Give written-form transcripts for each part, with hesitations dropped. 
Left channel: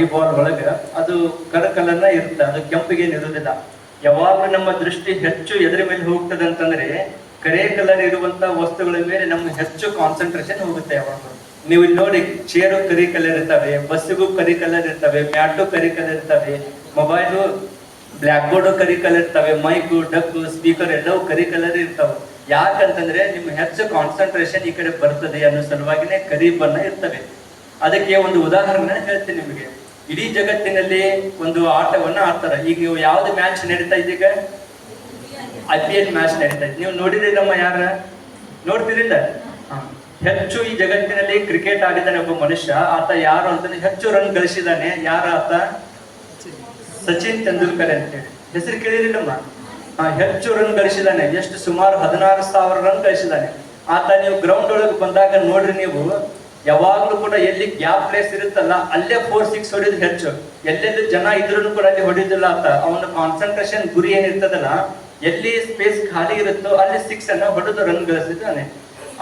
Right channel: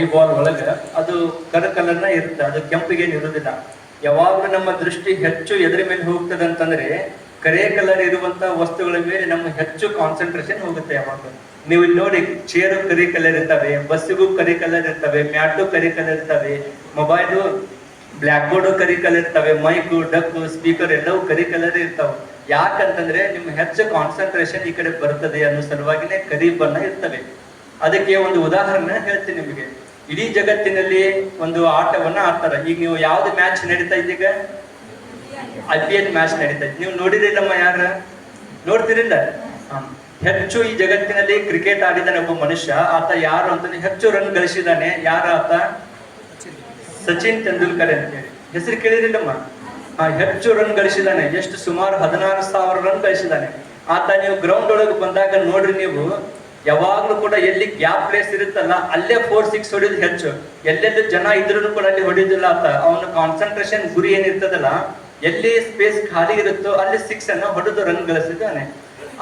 Eyeball ಒಳಗ ಅದು ಕಲರ್ನ ಇರುತ್ತೆ, ಅದು ಕೆಂಪಿಗೆ ಇರುವುದಿಲ್ಲ. ಯಾವಾಗ ನಮ್ಮ ದೃಷ್ಟಿ ಹೆಚ್ಚು ಎದರ ಮೇಲೆ ಹೋಗ್ತದೆ ಅಂತಂದ್ರೆ ಕರೆ ಕಲರ್ ಇರುವಂತ ವಸ್ತುಗಳ ಮೇಲೆ ನಮ್ಮ ಹೆಚ್ಚು ಕಾನ್ಸಂಟ್ರೇಷನ್ ಹೋಗುತ್ತೆ. ಯಾವಾಗ ನೀವು ಇಲ್ಲಿ ನೋಡಿ, ಚೇರು ಕರಿ ಕಲರ್ ಇರ್ತವೆ, ಬಸ್ಸಿಗೂ ಕರಿ ಕಲರ್ ಇರ್ತವೆ, ಮ್ಯಾಟು ಕರಿ ಕಲರ್ ಇರ್ತವೆ, ಮೊಬೈಲು ಬ್ಲ್ಯಾಕ್ ಬೋರ್ಡ್ ಕರಿ ಕಲರ್ ಇರ್ತವೆ, ಮೈಕು ಡಕ್ಕು ಸ್ಪೀಕರ್ ಎಲ್ಲವೂ ಕರಿ ಕಲರ್ ಇರ್ತವೆ. ಯಾಕಂತಂದ್ರೆ ನಿಮ್ಮ ಹೆಚ್ಚು ಕಾನ್ಸಂಟ್ರೇಷನ್ ಈ ಕಡೆ ಬರ್ತದೆ ಅನ್ನೋ ಸಲುವಾಗಿನೇ ಕರಿ ಬಣ್ಣ ಇರ್ತವೆ. ಅದಕ್ಕೆ ಒಂದು ಉದಾಹರಣೆ ಹೇಳ್ತೀನಿ ನಿಮಗೆ. ಇಡೀ ಜಗತ್ತಿನಲ್ಲಿ ಒಂದು ಆಟವನ್ನ ಆಡ್ತಾರೆ. ಈಗ ನೀವು ಯಾವ್ದು ಮ್ಯಾಚ್ ನಡೀತಾ ಇದೀಗ? IPL ಮ್ಯಾಚ್ ನಡೀತಾ ಇದೆ. ನೀವು ನೋಡಿರಿಲ್ಲಮ್ಮ? ಯಾರ ನೋಡ್ತಿರಿಲ್ಲ? ಹೆಚ್ಚು ಈ ಜಗತ್ತಿನಲ್ಲಿ ಕ್ರಿಕೆಟ್ ಆಡಿದಾನೆ ಒಬ್ಬ ಮನುಷ್ಯ. ಆತ ಯಾರು ಅಂತಂದ್ರೆ ಹೆಚ್ಚು ರನ್ ಗಳಿಸಿದಾನೆ. ಯಾರ ಆತ? ಸಚಿನ್ ತೆಂಡೂಲ್ಕರ್ ಅಂತೇಳಿ. ಹೆಸರು ಕೇಳಿರಿಲ್ಲಮ್ಮ? ಹೆಚ್ಚು ರನ್ ಗಳಿಸಿದಾನೆ. ಎಷ್ಟು? ಸುಮಾರು 16,000 ರನ್ ಗಳಿಸಿದಾನೆ ಆತ. ನೀವು ಗ್ರೌಂಡ್ ಒಳಗೆ ಬಂದಾಗ ನೋಡ್ರಿ, ನೀವು ಯಾವಾಗ್ಲೂ ಕೂಡ ಎಲ್ಲಿ ಗ್ಯಾಪ್ ಪ್ಲೇಸ್ ಇರುತ್ತಲ್ಲ ಅಲ್ಲೇ 4-6 ಹೊಡಿಯೋದು ಹೆಚ್ಚು. ಎಲ್ಲೆಲ್ಲೂ ಜನ ಇದ್ರೂ ಕೂಡ ಅಲ್ಲಿ ಹೊಡಿಯೋದಿಲ್ಲ ಆತ. ಅವನ ಕಾನ್ಸಂಟ್ರೇಷನ್ ಗುರಿ ಏನಿರ್ತದಲ್ಲ, ಎಲ್ಲಿ ಸ್ಪೇಸ್ ಖಾಲಿ ಇರುತ್ತೋ ಅಲ್ಲಿ 6 ಅನ್ನ ಹೊಡೆದು ರನ್ ಗಳಿಸಿದ್ದಾನೆ.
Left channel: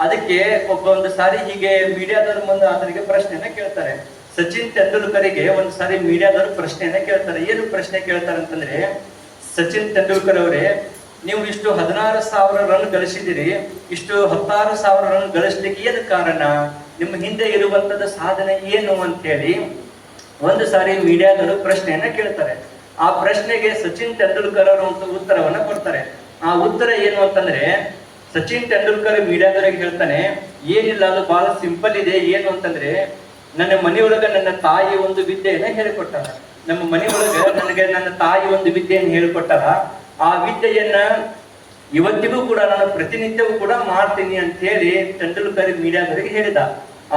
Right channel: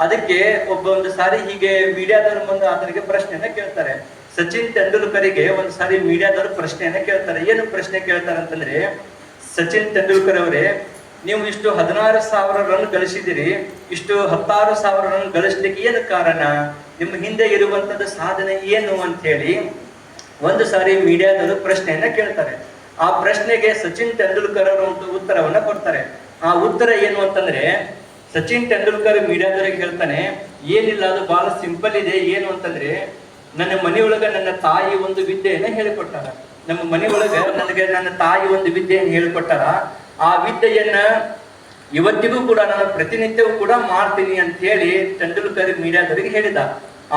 ಅದಕ್ಕೆ ಒಂದು ಸಾರಿ ಹೀಗೆ ಮೀಡಿಯಾದವ್ರು ಬಂದು ಆತನಿಗೆ ಪ್ರಶ್ನೆಯನ್ನ ಕೇಳ್ತಾರೆ. ಸಚಿನ್ ತೆಂಡೂಲ್ಕರಿಗೆ ಒಂದು ಸಾರಿ ಮೀಡಿಯಾದವರು ಪ್ರಶ್ನೆಯನ್ನ ಕೇಳ್ತಾರೆ. ಏನು ಪ್ರಶ್ನೆ ಕೇಳ್ತಾರೆ ಅಂತಂದ್ರೆ, ಸಚಿನ್ ತೆಂಡೂಲ್ಕರ್ ಅವರೇ, ನೀವು ಇಷ್ಟು 16,000 ರನ್ ಗಳಿಸಿದಿರಿ, ಇಷ್ಟು 16,000 ರನ್ ಗಳಿಸ್ಲಿಕ್ಕೆ ಏನು ಕಾರಣ? ನಿಮ್ಮ ಹಿಂದೆ ಇರುವಂತದ್ದು ಸಾಧನೆ ಏನು ಅಂತ ಹೇಳಿ ಒಂದು ಸಾರಿ ಮೀಡಿಯಾದವರು ಪ್ರಶ್ನೆಯನ್ನ ಕೇಳ್ತಾರೆ. ಆ ಪ್ರಶ್ನೆಗೆ ಸಚಿನ್ ತೆಂಡೂಲ್ಕರ್ ಅವರು ಒಂದು ಉತ್ತರವನ್ನ ಕೊಡ್ತಾರೆ. ಆ ಉತ್ತರ ಏನು ಅಂತಂದ್ರೆ, ಸಚಿನ್ ತೆಂಡೂಲ್ಕರ್ ಮೀಡಿಯಾದವರಿಗೆ ಹೇಳ್ತಾನೆ, ಏನಿಲ್ಲ, ಅದು ಬಹಳ ಸಿಂಪಲ್ ಇದೆ. ಏನು ಅಂತಂದ್ರೆ, ನನ್ನ ಮನೆಯೊಳಗ ನನ್ನ ತಾಯಿ ಒಂದು ವಿದ್ಯೆಯನ್ನ ಹೇಳಿಕೊಟ್ಟಾರ. ನಮ್ಮ ಮನೆಯೊಳಗ ನನಗೆ ನನ್ನ ತಾಯಿ ಒಂದು ವಿದ್ಯೆಯನ್ನು ಹೇಳಿಕೊಟ್ಟಾರ. ಆ ವಿದ್ಯೆಯನ್ನ ಇವತ್ತಿಗೂ ಕೂಡ ನಾನು ಪ್ರತಿನಿತ್ಯವೂ ಕೂಡ ಮಾಡ್ತೀನಿ ಅಂತ ಹೇಳಿ ತೆಂಡೂಲ್ಕರ್ ಮೀಡಿಯಾದವರಿಗೆ ಹೇಳಿದ.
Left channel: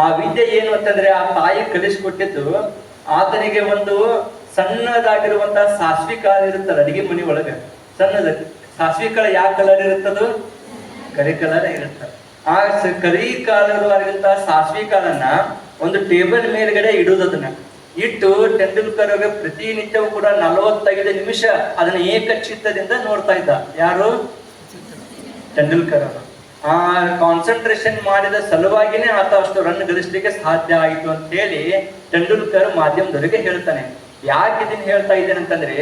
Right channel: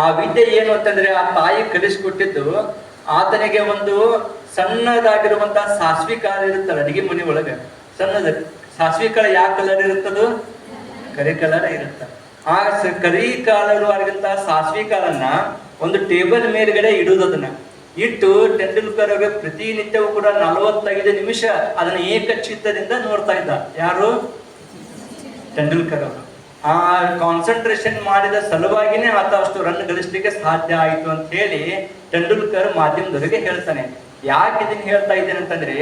ಆ ವಿದ್ಯೆ ಏನು ಅಂತಂದ್ರೆ, ಆ ತಾಯಿ ಕಲಿಸಿಕೊಟ್ಟಿದ್ದು ಆತನಿಗೆ ಒಂದು ಸಣ್ಣದಾಗಿರುವಂತಹ ಸಾಸ್ವಿ ಕಾಳು ಇರುತ್ತಲ್ಲ ಅಡಿಗೆ ಮನೆ ಒಳಗೆ, ಸಣ್ಣದ ಸಾಸ್ವಿ ಕಾಳು ಯಾವ ಕಲರ್ ಇರುತ್ತದು? ಕರಿ ಕಲರ್ ಇರುತ್ತ. ಆ ಕರಿ ಕಲರ್ ಆಗಿರುವಂತಹ ಸಾಸ್ವಿ ಕಾಳನ್ನ ಒಂದು ಟೇಬಲ್ ಮೇಲ್ಗಡೆ ಇಡುವುದನ್ನ ಇಟ್ಟು ತೆಂಡೂಲ್ಕರ್ ಅವರ ಪ್ರತಿನಿತ್ಯವೂ ಕೂಡ 45 ನಿಮಿಷ ಅದನ್ನ ಏಕಚಿತ್ತದಿಂದ ನೋಡ್ತಾ ಇದ್ದ. ಯಾರು? ತೆಂಡೂಲ್ಕರ್ ಅವರು. ಆ ಕಾನ್ಸಂಟ್ರೇಷನ್ ಮಾಡಿದ ಸಲುವಾಗಿನೇ ಆತ ಅಷ್ಟು ರನ್ ಗಳಿಸ್ಲಿಕ್ಕೆ ಸಾಧ್ಯ ಆಯಿತು ಅಂತ ಹೇಳಿ ತೆಂಡೂಲ್ಕರ್ ಮಾಧ್ಯಮದವರಿಗೆ ಹೇಳ್ತಾನೆ. ಯಾಕೆ ಇದನ್ನ ಹೇಳ್ತಾ ಇದ್ದೇನೆ ಅಂತಂದ್ರೆ,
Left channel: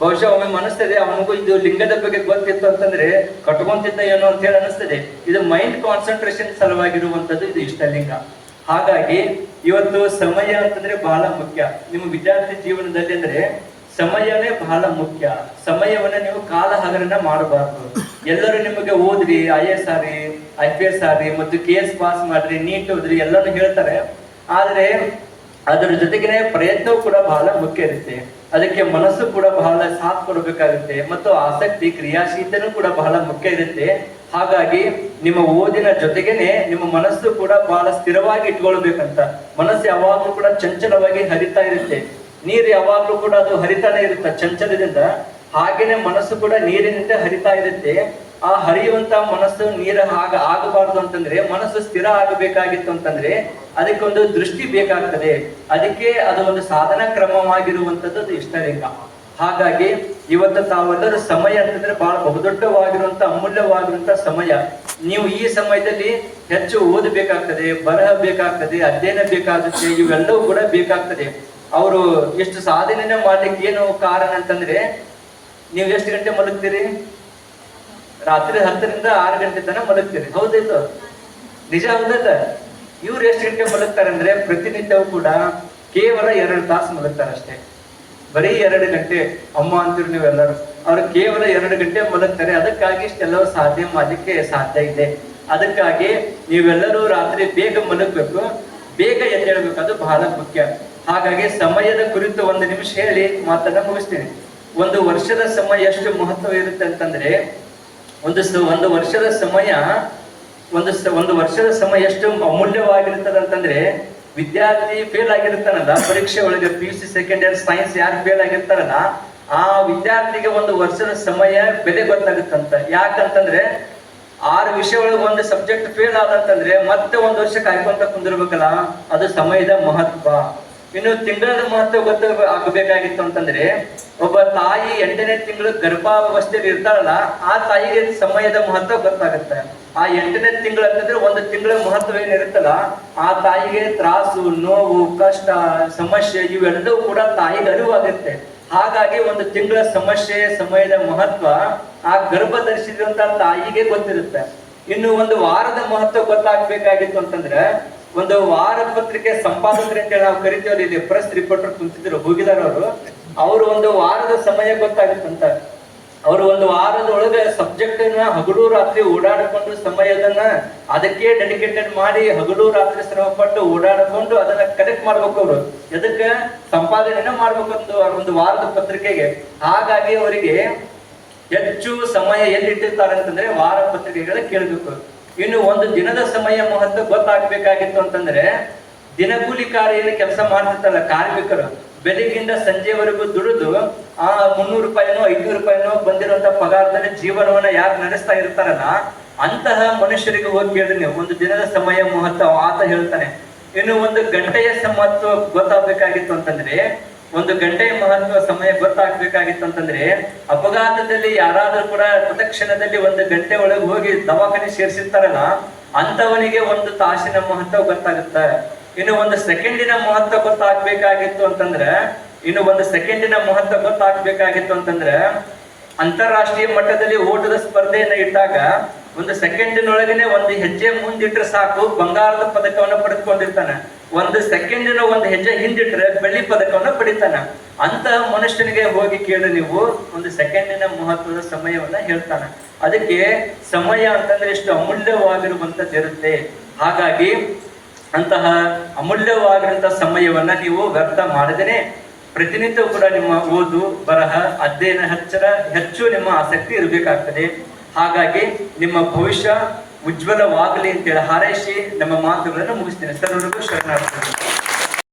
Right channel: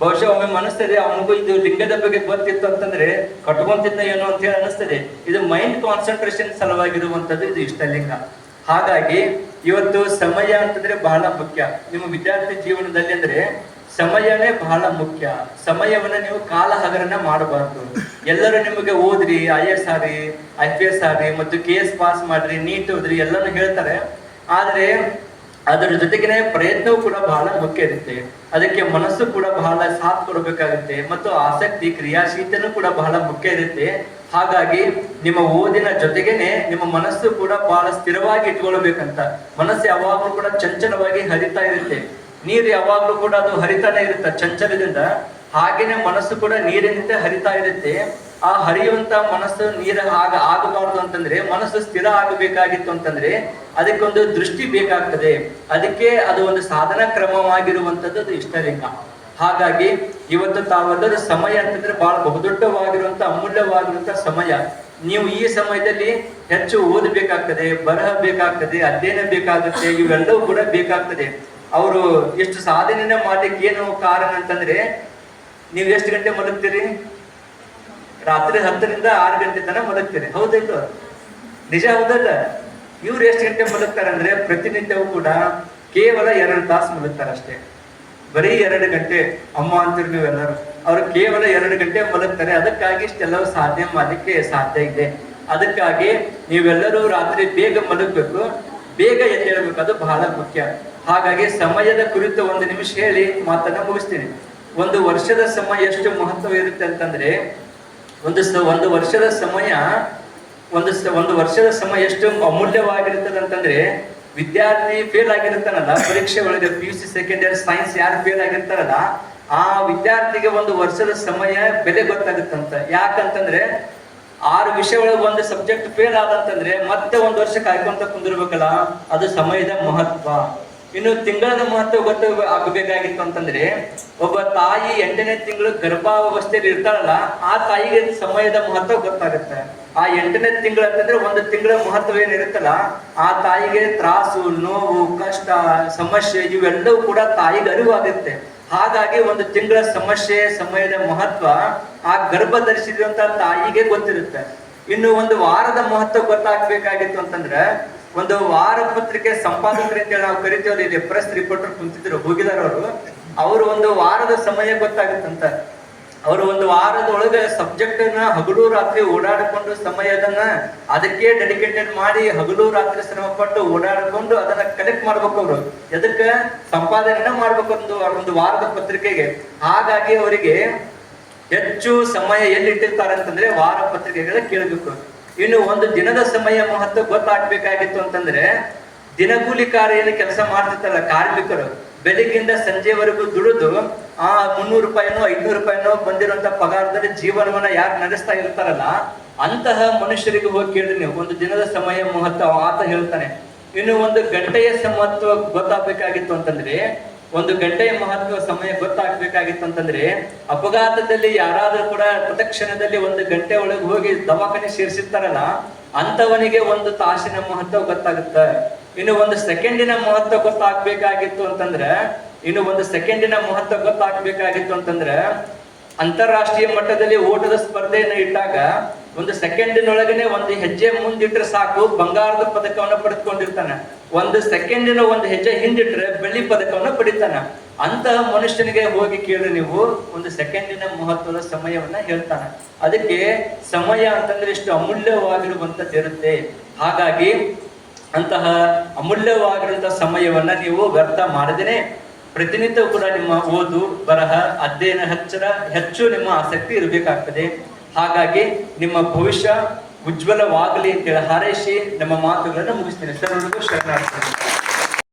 ಬಹುಶಃ ಒಮ್ಮೆ ಅನಿಸ್ತದೆ ಅವನಿಗೂ ಇದು ಲಿಂಗದ ಬಗ್ಗೆ ಗೊತ್ತಿತ್ತು ಅಂತಂದ್ರೆ ಕಟ್ಕೊಂತಿದ್ದ ಏನೋ ಅಂತ ಹೇಳಿ ಅನಿಸ್ತದೆ. ಇದು ಮೈಂಡ್ ಕಾನ್ಸಂಟ್ರೇಷನ್ ಸಲುವಾಗಿರುವಂತದ್ದು ಇದು ಇಷ್ಟಲಿಂಗ. ಹಾಗಾಗಿ ಇವತ್ತು ಸಮಯ ಅಂತಂದ್ರೆ ಬಹಳ ಮುಖ್ಯ ನಿಮ್ಮ ವಿದ್ಯಾರ್ಥಿ ಜೀವನದಲ್ಲಿ. ಅಂದ್ರೆ ಸಮಯನೇ ಬಹಳ ಮುಖ್ಯ. ಸಮಯವನ್ನ ನೀವು ಕಾಲ ಹಗರಣ ಮಾಡಬಾರ್ದು. ಎಲ್ಲರೂ ನಿಮಗೆ ಓದ್ರಿ, IAS ಆಗ್ರಿ, IPS ಆಗ್ರಿ, ಮತ್ತು KS ಪಾಸ್ ಮಾಡ್ರಿ, ನೀಟ್ ಓದ್ರಿ ಎಲ್ಲರೂ ಹೇಳ್ತಾರೆ. ಆದ್ರೆ ಅದರ ಜೊತೆಗೆ ಪ್ರಯತ್ನವೂ ಕೂಡ ಬಹಳ ಮುಖ್ಯ ಇರುತ್ತೆ. ಅದಕ್ಕೆ ಮನಸ್ಸು ಕೂಡ ಬಹಳ ಸಾಥ್ ಕೊಡಬೇಕಾಗುತ್ತೆ, ಮತ್ತು ಆಸಕ್ತಿ ಕ್ರಿಯಾಶೀಲತೆನೂ ಕೂಡ ಬಹಳ ಮುಖ್ಯ ಇರುತ್ತೆ. ಹಾಗಾಗಿ ನಿಮ್ಮ ಓದಿನ ಜೊತೆಗೇನೆ ನಿಮ್ಮ ಮನಸ್ಸು ಕೂಡ ಬಹಳ ಸ್ಥಿರವಾಗಿ ಇಟ್ಕೊಳ್ಬೇಕಂತ. ಮನಸ್ಸು ಯಾವಾಗ್ಲೂ ಕೂಡ ಚಂಚಲವಾಗಿ ಹರಿತಾ ಇರುತ್ತೆ. ನೀರು ಯಾವಾಗ್ಲೂ ಕೂಡ ಅದು ಹರಿತಾನೆ ಇರುತ್ತೆ ಚಂಚಲದಿಂದ. ಹಾಗೇನೆ ಮನಸ್ಸು ಕೂಡ ನೀರಿನಿಂದ ಹರಿತಾ ಇರುತ್ತೆ. ಆ ಹರಿಯುವಂತ ಮನಸ್ಸು ನೀರು ಆಗಬಾರ್ದು ಅಂತಂದ್ರೆ, ಮನಸ್ಸು ಸ್ಥಿರ ಆಗಬೇಕಾಗಿತ್ತು ಅಂತಂದ್ರೆ ಅದಕ್ಕೊಂದು ದೃಷ್ಟಿ ಬೇಕಾಗ್ತದೆ. ಅದಕ್ಕೆ ಅದು ಒಂದು ಸಾಧನ ಕ್ರಮವಾಗಿರುವಂತದ್ದು ಇಷ್ಟಲಿಂಗ. ಹಾಗಾಗಿ ಇವತ್ತು ತಾವೆಲ್ಲರೂ ಸಮಯ ಅಂತಂದ್ರೆ ಬಹಳ ಬಹುದೊಡ್ಡವಾಗಿರುವಂತ ಅಮೂಲ್ಯವಾಗಿರುವಂತ ಸಮಯ. ನೀವು ಈ ಸಮಯದಲ್ಲಿ ಹೆಚ್ಚು ಓದಬೇಕಾಗ್ತದೆ, ಬರಹ ಬೇಕಾಗ್ತದೆ, ಅಧ್ಯಯನ ಬೇಕಾಗುತ್ತೆ, ಇವೆಲ್ಲವೂ ಕೂಡ ಬೇಕಾಗ್ತದೆ. ಅವರು ಎಷ್ಟು ಸಾಧನೆ ಮಾಡ್ಲಿಕ್ಕೆ ಏನು ಕಾರಣ ಅಂತಂದ್ರೆ, ನೀವು ಎಷ್ಟು ಗಂಟೆ ಮಲಗ್ತೀರಿ? ರಾತ್ರಿ 10ರಿಂದ 6 ಗಂಟೆ ತನಕ ಮಲಗ್ತೀರಿ, ಹೌದಿಲ್ಲ? ನಿಜ ಹೌದಲ್ಲ? ಇವ್ರು ಎಷ್ಟು ಗಂಟೆ ಮಲಗ್ತಾರಂದ್ರೆ ಪ್ರತಿನಿತ್ಯವೂ ಕೂಡ ಕೇವಲ 2 ತಾಸು ಮಲಗ್ತಾರಷ್ಟೇ. ಬರೀ 2 ಗಂಟೆ. ಅಮ್ಮ ಅಂತೀರಿ ನೀವೆಲ್ಲರೂ. ಅವ್ರು ಕೇವಲ 2 ಗಂಟೆ ಮಲಗ್ತಾರೆ. ಅದಕ್ಕಾಗಿ ಇಷ್ಟೆಲ್ಲವೂ ಸಾಧ್ಯ ಮಾಡ್ಲಿಕ್ಕೆ ಸಾಧ್ಯ ಇದೆ. ಅದಕ್ಕಾಗಿ ನೀವೆಲ್ಲರೂ ರಾತ್ರಿ ಬೇಗ ಮಲಗಬೇಕು, ಬೇಗ ಎದ್ದೇಳಬೇಕು, ಅದು ಬಹಳ ಮುಖ್ಯ. ಹಾಗಾಗಿ ಸಮಯದ ಕುರಿತು 1 ನಿಮಿಷ ಹೇಳಿ ಮಾತನ್ನ ಮುಗಿಸ್ತೀನಿ. ಒಂದು ವರ್ಷದ ಸಮಯ ಎಷ್ಟು ಮಹತ್ವ ಇರುತ್ತೆ ಅಂತಂದ್ರೆ, ಒಂದು ವರ್ಷದ ಸಮಯ ಒಂದು ವರ್ಷದ ಸಮಯ ಎಷ್ಟು ಅಮೂಲ್ಯವಾಗಿರ್ತದೆ ಅಂತಂದ್ರೆ, ವಿದ್ಯಾರ್ಥಿ ಫೇಲ್ ಆಗಿರ್ತಾನಲ್ಲ ಪರೀಕ್ಷೆ ಒಳಗೆ, PUC ಸೆಕೆಂಡ್ ಇಯರ್ ಸೈನ್ಸ್ ಯಾರು ಫೇಲ್ ಆಗಿರ್ತಾರಲ್ಲ ಆ ವಿದ್ಯಾರ್ಥಿಗೆ 1 ವರ್ಷದ ಸಮಯ ಬೆಲೆ ಗೊತ್ತಾಗುತ್ತಂತ. ಯಾಕಂತಂದ್ರೆ 6 ವಿಷಯ ಒಳಗೆ 1 ಸಬ್ಜೆಕ್ಟ್ ಫೇಲ್ ಆದಂತಂದ್ರೆ ಮತ್ತೆ 1 ವರ್ಷ ಕಾಯ್ಕೊಂತ ಕುಂದಿರ್ಬೇಕಲ್ಲ, ಅದು ಸಮಯದ ಮಹತ್ವ. ಇನ್ನು ತಿಂಗಳ ಮಹತ್ವ ಆಗಬೇಕಾಗಿತ್ತು ಅಂತಂದ್ರೆ, ಒಬ್ಬ ತಾಯಿ 8ನೇ ತಿಂಗಳು ಗರ್ಭಾವಸ್ಥೆಯಲ್ಲಿ ಇರ್ತಾರಲ್ಲ, ಆ ತಾಯಿಗೆ ಸಮಯದ ಮಹತ್ವ ಗೊತ್ತಾಗುತ್ತೆ. ಆ 8ನೇ ತಿಂಗಳು ಅಂತಂದ್ರೆ ಒಂದು ತಿಂಗಳ ಮಹತ್ವ ಏನಿರುತ್ತಲ್ಲ, ಆ ತಾಯಿಗೆ ತ್ರಾಸು, ನೋವು, ಕಷ್ಟ, ಸಮಸ್ಯೆ ಇವೆಲ್ಲವೂ ಕೂಡ ತಾಯಿಗೆ ಅರಿವಾಗುತ್ತೆ. ಹಾಗಾಗಿ ಒಂದು ತಿಂಗಳ ಸಮಸ್ಯೆ, ಸಮಯದ ಮಹತ್ವ ಆ ಗರ್ಭ ಧರಿಸಿರುವಂತ ತಾಯಿಗೆ ಗೊತ್ತಿರುತ್ತೆ. ಇನ್ನು ಒಂದು ವಾರದ ಮಹತ್ವ ಗೊತ್ತಾಗ್ಬೇಕಾಗಿತ್ತು ಅಂತಂದ್ರೆ, ಒಂದು ವಾರ ಪತ್ರಿಕೆ ಸಂಪಾದಕರು ಅಂತೇಳಿ ನಾವು ಕರಿತೀವಲ್ಲ, ಇಲ್ಲಿ ಪ್ರೆಸ್ ರಿಪೋರ್ಟರ್ ಕುಂತಿದ್ರು ಹೋಗಿದಾರ ಅವರು ಒಂದು ವಾರದ ಸಮಯ ಗೊತ್ತಾಗುತ್ತಂತ. ಅವರು ಒಂದು ವಾರದೊಳಗೆ ಸಬ್ಜೆಕ್ಟ್ ನ ಹಗಲು ರಾತ್ರಿ ಓಡಾಡಿಕೊಂಡು ಸಮಯದನ್ನ ಅದಕ್ಕೆ ಡೆಡಿಕೇಟೆಡ್ ಮಾಡಿ ಹಗಲು ರಾತ್ರಿ ಶ್ರಮ ಪಟ್ಟು ಓಡಾಡಿಕೊಂಡು ಅದನ್ನ ಕಲೆಕ್ಟ್ ಮಾಡ್ಬೇಕು. ಅವರು ಎದಕ್ಕೆ ಸಂಪಾದನೆನ ಮಾಡ್ಬೇಕು ಒಂದು ವಾರದ ಪತ್ರಿಕೆಗೆ. ಹಾಗಾಗಿ ಅವರಿಗೆ ಹೆಚ್ಚು ಸಮಯ ಎಲ್ಲಿ ಇಟ್ಟಿರ್ತಾರೆ ಅಂತಂದ್ರೆ ವಾರ ಪತ್ರಿಕೆಗಳ ಕೇಳಬೇಕು. ಇನ್ನು ಒಂದು ದಿನದ ಸಮಯ ಮಹತ್ವ ಗೊತ್ತಾಗ್ಬೇಕಾಗಿತ್ತು ಅಂತಂದ್ರೆ, ದಿನಗೂಲಿಕಾರ ಕೆಲಸ ಮಾಡ್ತಿರ್ತಾರಲ್ಲ ಕಾರ್ಮಿಕರು, ಬೆಳಿಗ್ಗಿಂದ ಸಂಜೆವರೆಗೂ ದುಡಿದು ಆ 300 ರೂಪಾಯಿನೋ 500 ರೂಪಾಯಿನೋ ಬಂದಿರುವಂತ ಪಗಾರದಲ್ಲಿ ಜೀವನವನ್ನ ಯಾರು ನಡೆಸ್ತಾ ಇರ್ತಾರಲ್ಲ, ಅಂತಹ ಮನುಷ್ಯರಿಗೆ ಹೋಗಿ ಕೇಳಿ ನೀವು ಒಂದು ದಿನದ ಸಮಯ ಮಹತ್ವ ಆತ ಹೇಳ್ತಾನೆ. ಇನ್ನು ಒಂದು ಗಂಟೆಯ ಮಹತ್ವ ಗೊತ್ತಾಗಬೇಕಾಗಿತ್ತು ಅಂತಂದ್ರೆ, ಒಂದು ಗಂಟೆಯ ಮಹತ್ವ ಸಮಯ ಗೊತ್ತಾಗ್ಬೇಕಾಗಿತ್ತು ಅಂತಂದ್ರೆ, ಅಪಘಾತದಲ್ಲಿ ಯಾರಾದ್ರೂ ಕೂಡ ತತ್ಕ್ಷಣದಲ್ಲಿ ಒಂದು ಗಂಟೆ ಒಳಗೆ ಹೋಗಿ ದವಾಖಾನೆ ಸೇರಿಸಿರ್ತಾರಲ್ಲ, ಅಂತವನಿಗೆ ಒಂದು ತಾಸಿನ ಮಹತ್ವ ಗೊತ್ತಾಗುತ್ತ. ಇನ್ನು ಒಂದು ಸೆಕೆಂಡಿನ ಮಹತ್ವ ಗೊತ್ತಾಗ್ಬೇಕಾಗಿತ್ತು ಅಂತಂದ್ರೆ, ಅಂತಾರಾಷ್ಟ್ರೀಯ ಮಟ್ಟದಲ್ಲಿ ಓಟದ ಸ್ಪರ್ಧೆಯನ್ನ ಇಟ್ಟಾಗ ಒಂದು ಸೆಕೆಂಡಿನೊಳಗನೆ ಒಂದು ಹೆಜ್ಜೆ ಮುಂದಿಟ್ರೆ ಸಾಕು ಬಂಗಾರದ ಪದಕವನ್ನ ಪಡೆದುಕೊಂಡಿರ್ತಾನೆ. ಒಂದು ಸೆಕೆಂಡಿನ ಒಂದು ಹೆಜ್ಜೆ ಹಿಂದಿಟ್ರೆ ಬೆಳ್ಳಿ ಪದಕವನ್ನ ಪಡಿತಾನೆ. ಅಂತಹ ಮನುಷ್ಯನಿಗೆ ಹೋಗಿ ಕೇಳಿ ನೀವು ಒಂದು ಸೆಕೆಂಡಿನ ಮಹತ್ವದ ಸಮಯವನ್ನ ಹೇಳ್ತಾನೆ. ಅದಕ್ಕೆ ಸಮಯ ಅಂತಂದ್ರೆ ಎಷ್ಟು ಅಮೂಲ್ಯವಾಗಿರುವಂತದ್ದು ಇರುತ್ತೆ. ಹಾಗಾಗಿ ಅಂತಹ ಅಮೂಲ್ಯವಾಗಿರುವಂತಹ ಸಮಯವನ್ನ ನೀವು ವ್ಯರ್ಥ ಮಾಡದೇನೆ ಪ್ರತಿನಿತ್ಯ ಕೂಡ ನಿಮ್ಮ ಓದು, ಬರಹ, ಅಧ್ಯಯನ ಹೆಚ್ಚು ನಿಮ್ಮ ಆಸಕ್ತಿ ಇರಬೇಕಾಗ್ತದೆ. ಹಾಗಾಗಿ ನಿಮ್ಮ ಭವಿಷ್ಯ ಉಜ್ವಲವಾಗಲಿ ಅಂತೇಳಿ ಹಾರೈಸಿ ನಮ್ಮ ಮಾತುಗಳನ್ನು ಮುಗಿಸ್ತೇನೆ. ಸರ್ವರಿಗೂ ಶರಣಾರ್ಥಿ.